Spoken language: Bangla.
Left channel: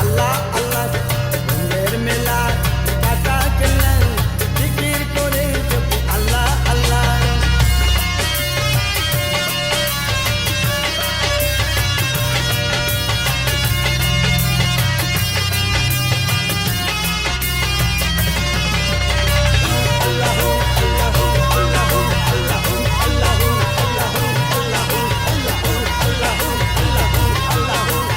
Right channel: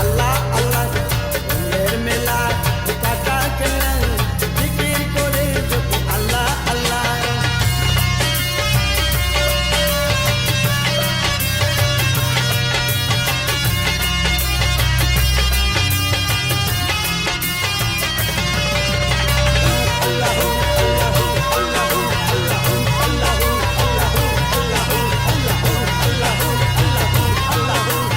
আল্লাহ আল্লাহ বন্ধের মেলা টাকা কেলা জিকির করে জপি আল্লাহ আল্লাহ Allahu Allahu Allahu Allahu Allahu Allahu Allahu Allahu Allahu Allahu